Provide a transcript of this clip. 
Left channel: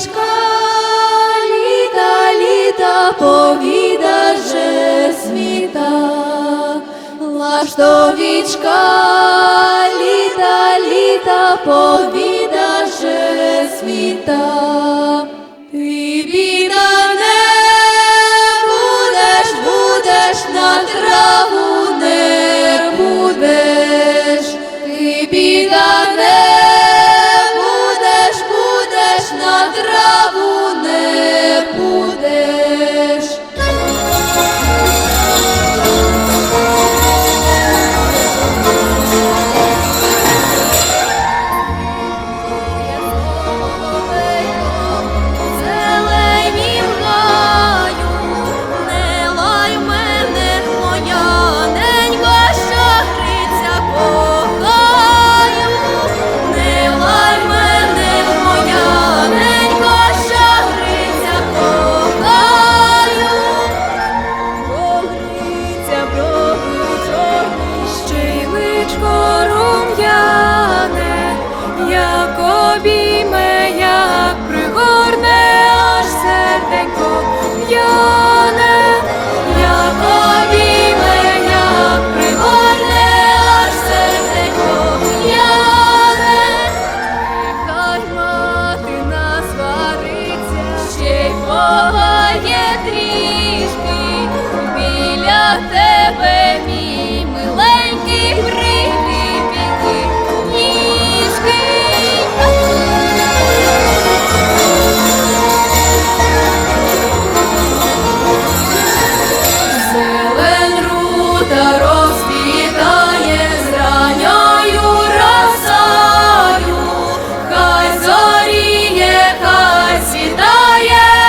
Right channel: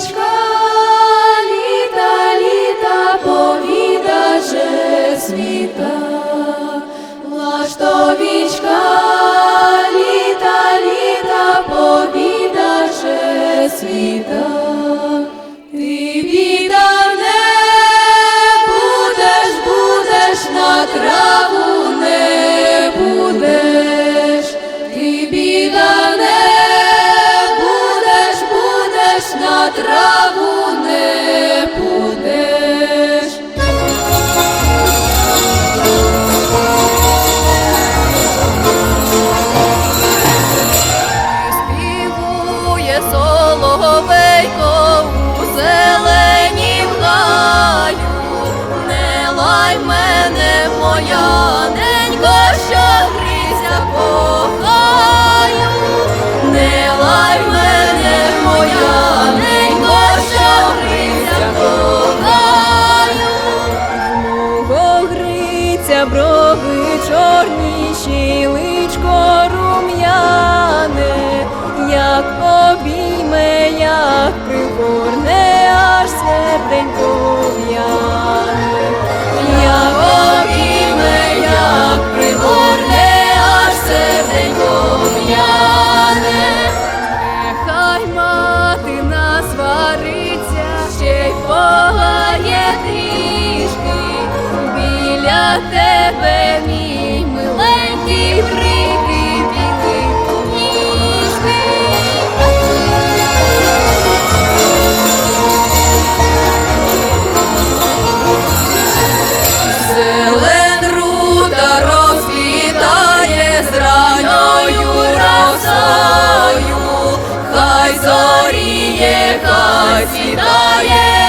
Ластовічка, літа, літа, повіда же світа. Ластовічка, будеш на траву не будеш. співує соловейко у зеленім гаю, не лай мене, моя ненько, що гриця гриця брови чорні, щіличко рум'яне, як обійме, як пригорне, аж серденько в'яне, як обійме, як пригорне, аж серденько в'яне. Нехай мати насвариться, ще й полає трішки. Біля тебе, мій миленький, брити білих ніжки. Зелен рута розквітає з ранньою росою, хай зоріє, хай світає,